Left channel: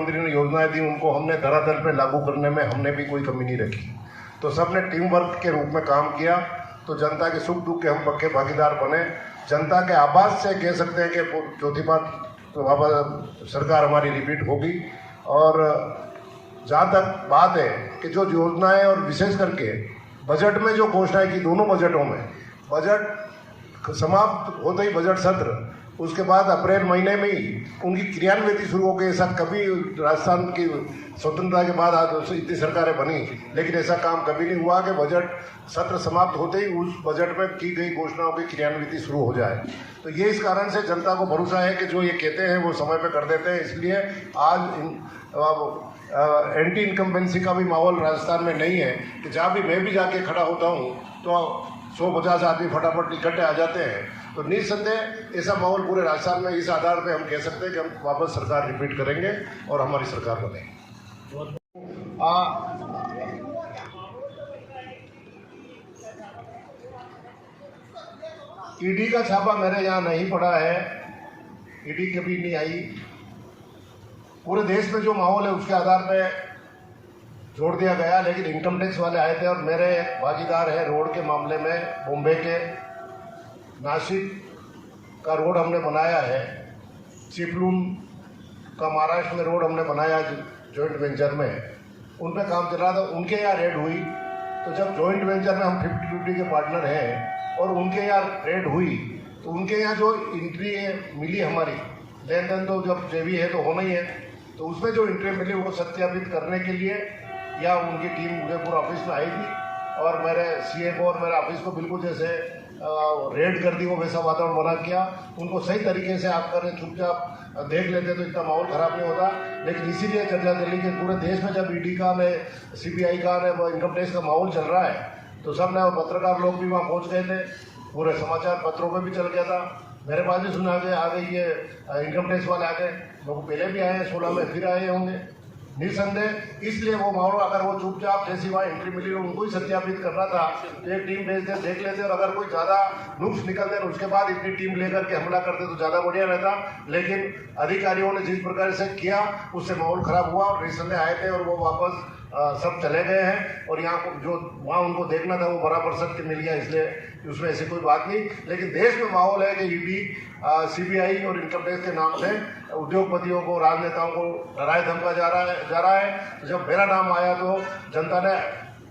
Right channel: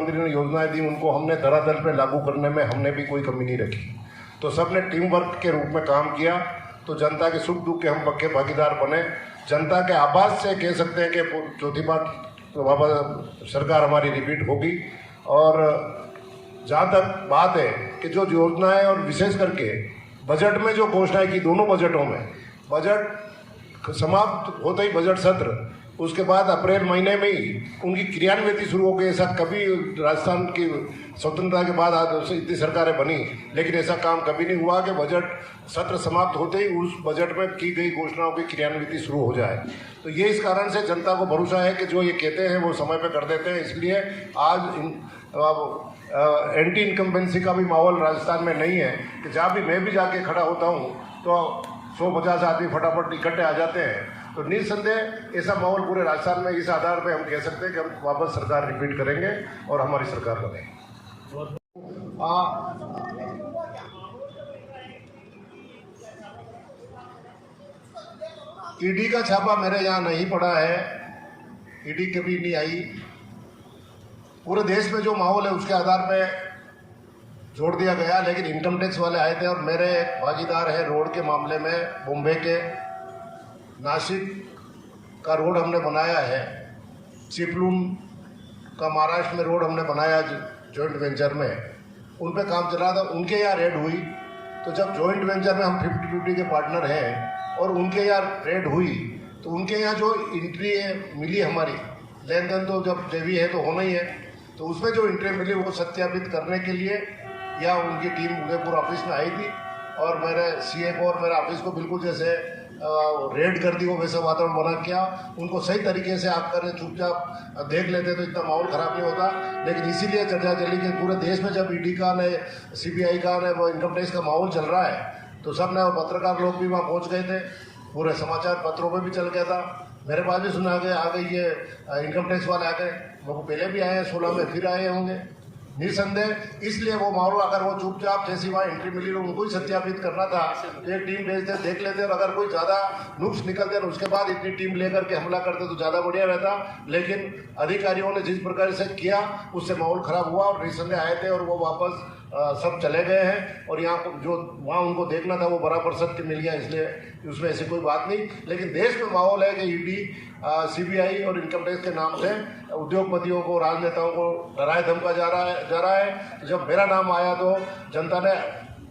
मंत्री ने योजनाएं दी उनको हमने धरातल पे लागू करने में हमने भी कोई कमी नहीं रखी। तो सबने टीम वर्क के रूप में काम किया। तो जनता के सुख दुख के हम पक्के भागीदार बने। जनता के आवाज से कह सकते हैं कि चौथी बार तो बाबा सरकार हमारी रिपीट होगी। और जहाँ तक बात है कि जो योजनाएं और विशेष करके बजट में जो घोषणाएं की, दोनों बजटों में, बजट समाप्त होते ही बजट सत्र, उसके बाद अप्रैल महीने में ही उनकी क्रियान्विति शुरू हो गई। ऐसा कभी राजस्थान की स्वतंत्रता के बाद आज इतनी सरकारें बनी, लेकिन ऐसा काम कभी नहीं हुआ कि बजट सत्र समाप्त होते ही उस बजट में की गई घोषणाओं की क्रियान्विति शुरू हो जाए। तो ये इस कारण से जनता को भरोसा है कि जो ये कहते हैं वो समय पे कर देते हैं। इसलिए आज एंटी इनकम्बेंसी का भी माहौल राजस्थान में नहीं है कि जहाँ भी मैं भी जाके खड़ा होता हूँ तो 100-50 आदमी फटाफट इकट्ठे आ जाते हैं। तो निस्संदेह ऐसा माहौल पूरे राजस्थान में, इस आधार पे हम कह सकते हैं कि हम वापस सरकार रिपीट करेंगे और हमारी सरकार बनेगी। ईडी का छापा मेरे यहाँ नहीं पड़ा है, ईडी कभी नहीं आई। पूरे देश में जो माहौल है उसके आधार पे जोड़ दिया गया, लेकिन इनकम टैक्स वाले आए थे और मेरे भागीदार है रोड के मामले में। बॉम्बे के नासिक का रोड हमने बनाया है, चिपलून का महाराष्ट्र में रोड हमने बनाया जॉइंट वेंचर में, उन पे काम चल रहा था। उनके यहाँ रेड हुई, तो जब जॉइंट वेंचर में हम 50-50 के पार्टनर हैं और उनके यहाँ रेड हुई तो उनके यहाँ जो एंट्री मिली, हमारी लेन देन तो जब जेवी है तो होना ही है, तो उसमें जो एंट्री मिली वो सत्यापित करने के लिए या उनकी टीम उदयपुर ऑफिस में आई थी और मेरे सीए को और मेरे ऑफिस को बिल्कुल जैसे रेड कर दी वो वैसा वातावरण बना किया। उनको सही तरीके से आप करें, चुपचाप देख लेते तो इतना माहौल खराब नहीं होता। लेकिन इसीलिए चर्चा चली कि पूरे देश में जब ईडी का ने, सीबीआई का ने, वो इनकम टैक्स का माहौल चल रहा है तो सब ने, पत्रकार लोग भी वहाँ पहुँच गए थे, पूरे समाचार पत्रों में भी चल गया था, मेरे पास भी सुना आ गई ये इनकम टैक्स वाले आ गए, वो पहले भी आए हैं, 16 में फिर आए होंगे निस्संदेह। इसलिए वो माहौल, अगर वो चुपचाप जैसी वहाँ एंट्री मिली उनको ही सत्यापित करना था तो एक टीम भेजते, देख लेते, और अगर कोई ज़्यादा नुक्स निकलते और उसके बाद इतनी टीम लेकर के हमला करते तो ज़्यादा बढ़िया रहता। लेकिन अधिकारियों ने जिस प्रकार से किया उससे माहौल खराब हुआ और निस्संदेह आए थे और वो वापस सब चले गए हैं। और यहाँ जो वहाँ उनको देखना था वो बराबर सबके मिल गया, इसलिए उसमें ऐसी कोई बात नहीं। लेकिन देश में माहौल है कि ईडी, सीबीआई और इनकम टैक्स के नाम से उद्योगपतियों को, राजनेताओं को डराया धमका जा रहा है। तो जब मेरा नाम आया तो जनता ने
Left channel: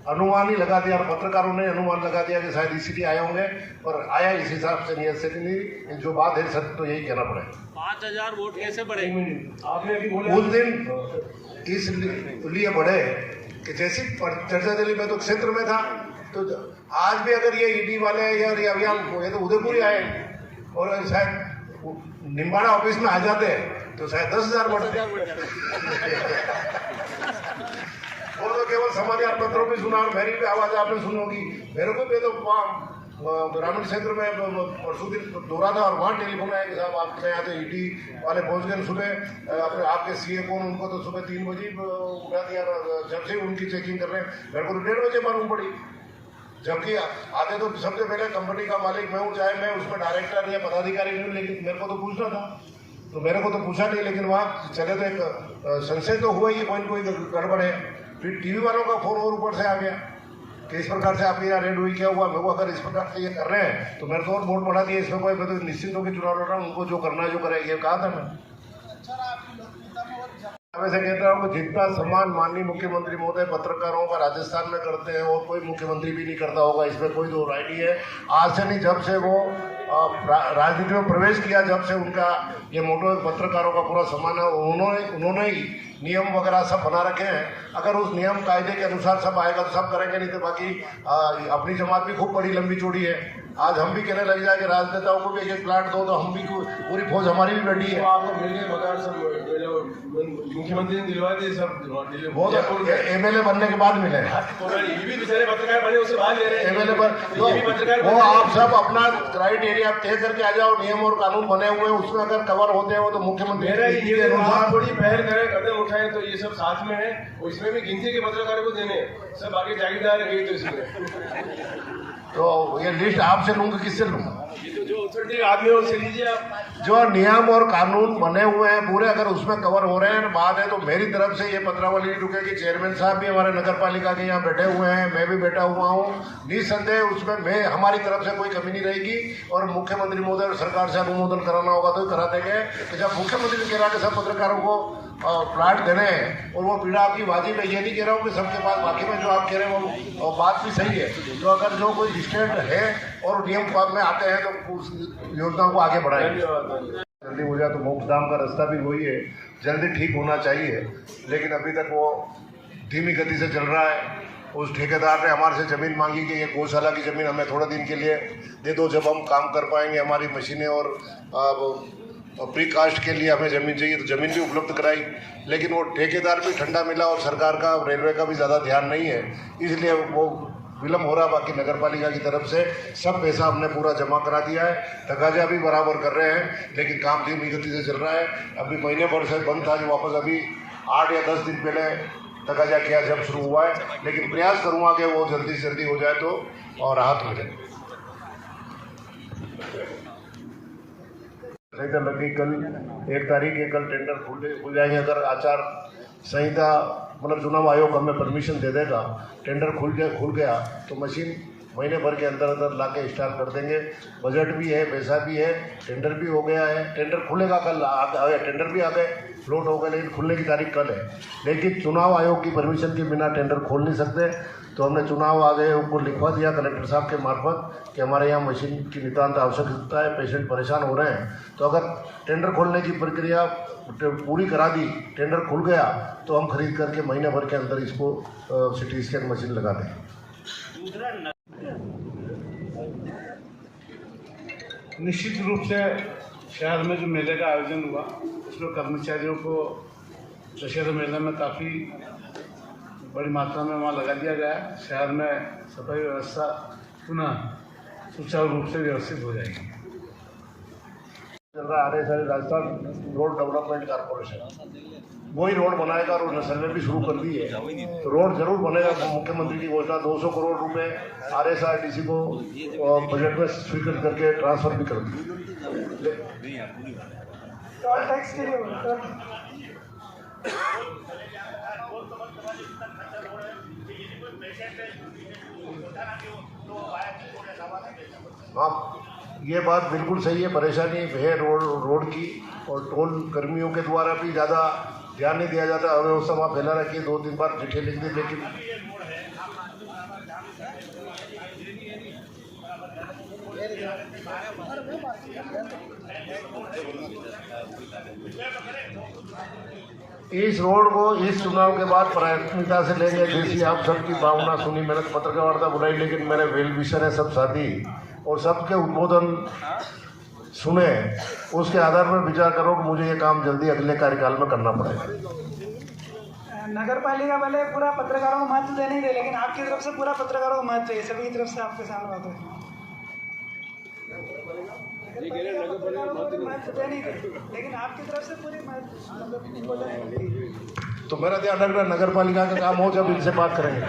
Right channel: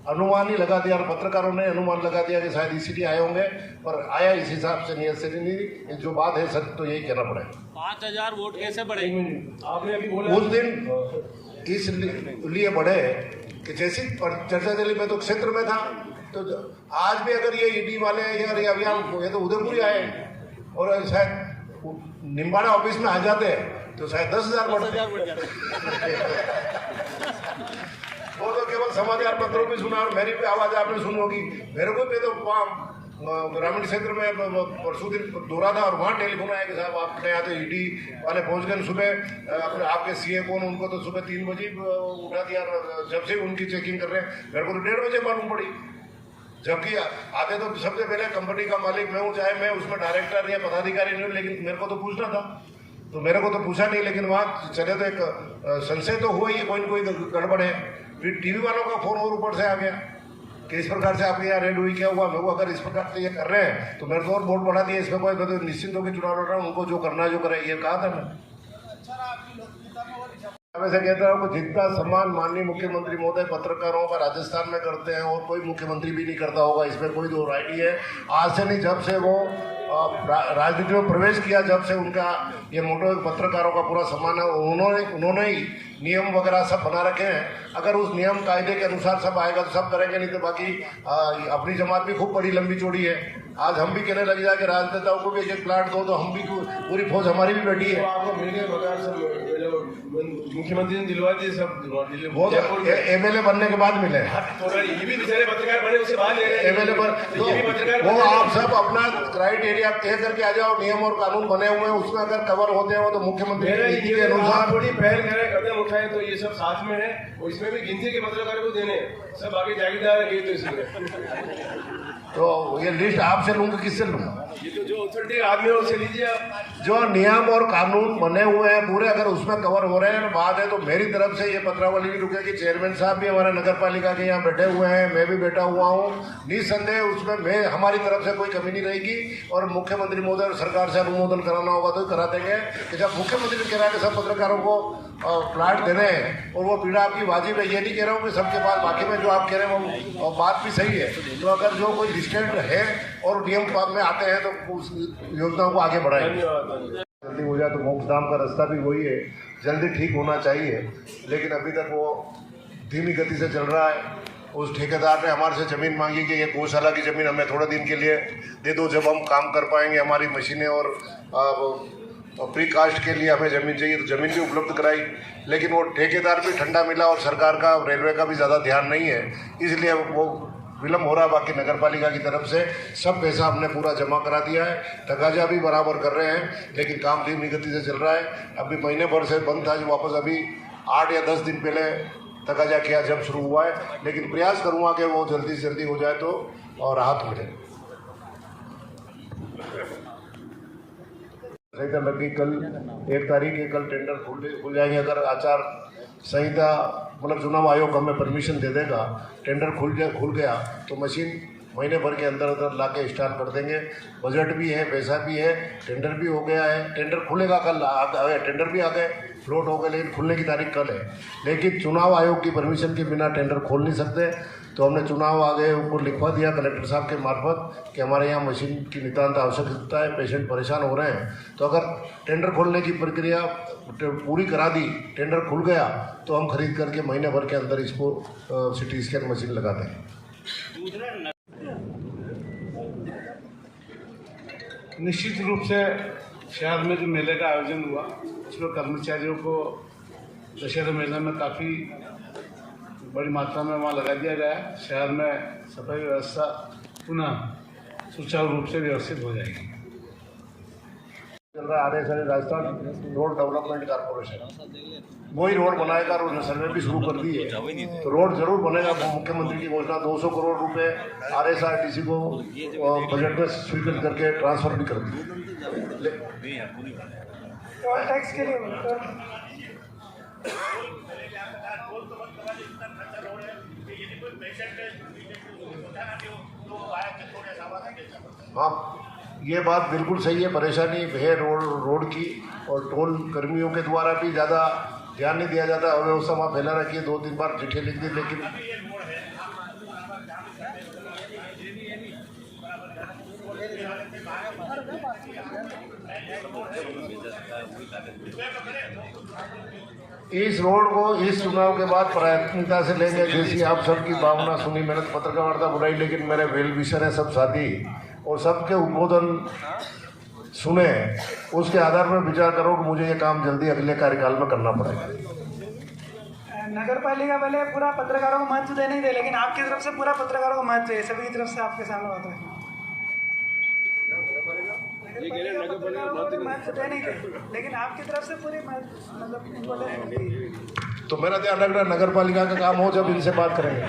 अनुमान ही लगा दिया और पत्रकारों ने अनुमान लगा दिया कि शायद इसीलिए आए होंगे, और आया इस हिसाब से, नियत से नहीं। जो बात है सच तो यही कहना पड़ेगा। 5000 वोट कैसे बढ़ेंगे? आपने अभी बोला उस दिन इसलिए बढ़े कि जैसी चर्चा चली, मैं तो क्षेत्र में था, तो आज भी अगर ये ईडी वाले या ये तो उदयपुर ही आए और शायद निम्बाड़ा ऑफिस में आ जाते तो शायद 10,000 बढ़ वो तो केवल समाचार पत्रों में सुना और मेरी भी आवाज आपने सुनोगी। मेरे को भी तो ग्रामीण क्षेत्र में परसों दिन दौरा था और वहाँ टेलीफोन आया कि साहब आपके यहाँ तो ईडी वाले पहुँच गए सुबह, अपने आपके सीए को, उनको तो सुबह 3 बजे उठा दिया, जब से उनकी चेकिंग कर रहे हैं। मेरे को तो 1:30 बजे मालूम पड़ी, जबकि आते तो सबसे पहले कंपनी का मालिक मैं हूँ, चाहे मैं उसमें डायरेक्टर या पदाधिकारी नहीं हूँ, लेकिन मेरे को तो पूछना था, तो मेरे को तो पूछा नहीं। लेकिन वहाँ चले तो एक संशय तो हुआ ही, कोई न कोई गड़बड़ है। फिर टीवी वालों का फोन और ऊपर से आ गया कि इस प्रकार से आपके यहाँ रेड हुई, क्या हुआ? मैं वो अगर इस प्रकार से ये कर रहे हैं तो मेरे को और वोट बढ़ा दिया, इसमें कोई तो निश्चित होकर चुनाव लड़ रहा हूँ, उनको जो करना है जो करे, ये कहा था मैं। वैसे कहता हूँ कि जितना सम्मान माननीय मुख्यमंत्री महोदय पत्रकारों का राजस्थान में करते हैं और कोई मुख्यमंत्री भी नहीं करता होगा, इसमें कोई दो राय नहीं है। आज से नहीं, जब से वो राजनीति में प्रवेश किया, जब से उनका ये मोटो पत्रकारों का पूरा सम्मान है, उन्होंने ही नियम वगैरह सब बना रखे हैं। अगर उस नियम कायदे के अनुसार सब आएगा तो सब करेंगे, नहीं तो बाकी अपनी जमात भी खूब बड़ी लंबी चौड़ी है। आज हम भी कहने लग जाए कि राजनेताओं को भी एक प्लाट दो, तो हम भी पूरी फौज हमारी भी बैठी है। मुख्यमंत्री ने दिलवा दिए सब, वो एमएलए बनने के बाद मिले, ये भी बेचारे पत्रकार बने उसके बाद ले रहे हैं एमएलए पर। वो आप सब अपना क्राइटेरिया तय करके आ जाओ, नियम और कानून बने हुए हैं, उसमें अगर कवर होते हैं वो तो मुख्यमंत्री के अनुसार थोड़ी पहल करें, कदम उठाए, तो ये सब साथ में है। और इसमें भी गिनती के पत्रकारों को देने, सब आगे जागीरदार है, तो इसमें तो ये लिस्ट आपसे लूंगा, किससे लूंगा? ये तो जो अथॉरिटी आदमी है उससे लीजिए आप। जो नियम और कानून बने हुए हैं पूरे, अगर उसमें कवर हो रहे हैं बात है, तो मेरी तरफ से ये पत्रावली नहीं रुकेगी। चेयरमैन साहब भी हमारे नगर पालिका के यहाँ बैठे हुए हैं, मैं भी बैठा हुआ हूँ, निसंदेह उसमें मैं हमारी तरफ से कोई कमी नहीं रहेगी। और मुख्यमंत्री महोदय और सरकार से अनुमोदन कराना होगा तो करा देंगे कि जब मुख्यमंत्री कह रहा है कि सब पत्रकारों को प्लाट देने हैं और वो पीड़ा आपकी वाजिब है, ये नहीं कह रहा हूँ कि सबके पास, बाकी में जो आप कह रहे हो वो बात भी सही है। तो अगर जो कोई डिस्टेंट है और नियम पालन में आते हैं तो उस योजना को आगे बढ़ाएंगे। जल्दी हो जाए तो मोक्षधाम का रास्ता भी वही है, जल्दी ठीक होना चाहिए, लेकिन अभी तक वो धीमी गति से चल रहा है। उस ठेकेदार ने हमारे से ज़मीन मांगी कि ये गौशाला की ज़मीन हमें थोड़े दिन के लिए दे दो, जब हम काम कर पाएंगे, हमारी मशीनें और प्री कास्ट के लिए हमें ज़मीन चाहिए, तो ज़मीन भी उपलब्ध कराई। लेकिन वो ठेकेदार भी ठंडा मिला और सरकार का, रेलवे का भी ज़्यादा ध्यान नहीं है, इसलिए वो विलम्ब हो रहा। बाकी नगर पालिका की तरफ से सब पैसा हमने पूरा जमा करा दिया है, तकाजा भी बराबर कर रहे हैं, लेकिन काम धीमी गति से चल रहा है। अभी महीने भर से बंद था, जो वापस अभी 8 या 10 दिन पहले तकाजा किया जब शुरू हुआ है, लेकिन प्रयास करूँगा कि वो जल्दी से जल्दी हो जाए तो और राहत हो जाए। संहिता लग गई कल 1 तारीख है, कल टेंडर खुल जाएंगे। अगर आचार संहिता मतलब चुनाव आयोग हमें परमिशन दे देगा, टेंडर खुल गया तो मशीन महीने भर के अंदर अंदर ला के स्टार्ट कर देंगे। बजट भी है, पैसा भी है, टेंडर भी हो गया है। टेंडर खुलेगा कल, टेंडर भी आ गए, फ्लोट हो गए, लेकिन खुलने की तारीख कल है। लेकिन चुनाव आयोग की परमिशन के बिना टेंडर खोल नहीं सकते, तो हमने चुनाव आयोग को लिखवा दिया कलेक्टर साहब के मार्फत कि हमारे यहाँ मशीन की नितांत आवश्यकता है, पेशेंट परेशान हो रहे हैं। तो अगर टेंडर खोलने की प्रक्रिया पूरी करा दी, टेंडर खुल गया, तो हम खरीद करके महीने भर के अंदर इसको सिटी स्कैन मशीन लगा दें। निश्चित रूप से शहर में जो मेले का आयोजन हुआ, उसमें कर्मचारियों को दशहरा मेले में काफ़ी बड़ी मात्रा में वहाँ लगा दिया गया है। शहर में सफाई व्यवस्था पुनः सुचारू रूप से व्यवस्थित हो जाएगी। चल रहा है RSI Rajasthan road development corporation, वही रोड बनाएगा और उसने सर्वे भी शुरू कर दी है, तो रोड जरूर बनेगा। मुख्यमंत्री की घोषणा 200 करोड़ रुपए RSRTC को बजट में स्वीकृत करके ट्रांसफर भी कर दी। टोल टैक्स के लिए हाँ, ये बात बिल्कुल सही है, परेशानी है रोड की, और टोल कर्मियों के द्वारा भी ज़्यादा ध्यान नहीं दिया जाता। अव्यवस्था वहाँ फैला रखी है, 2-3 बार चिट्ठी लिख दी, लेकिन इस रोड को इस चुनाव के बाद प्राथमिकता से लेंगे, जैसी आप सबकी भावना सुनी, मेहनत पत्रकारिता बुराई, लेकिन मेरे वेल विशर है सब साथी, और सबके उद्बोधन सुने, उसके आधार पर विचार करो कि मुझे ये काम जल्दी अगले कार्यकाल में करना पड़ेगा। नगर पालिका वाले पूरा पत्रकारों को महत्व देने दे, लेकिन आपकी तरफ से पूरा पत्रकारों को महत्व है, सभी की तरफ से आपके सामने बात है। महत्व देने दे, लेकिन आपकी तरफ से पूरी मतलब तो मेरा ध्यान रखना, नगर पालिका का काम हो जब इनसे बात करेंगे।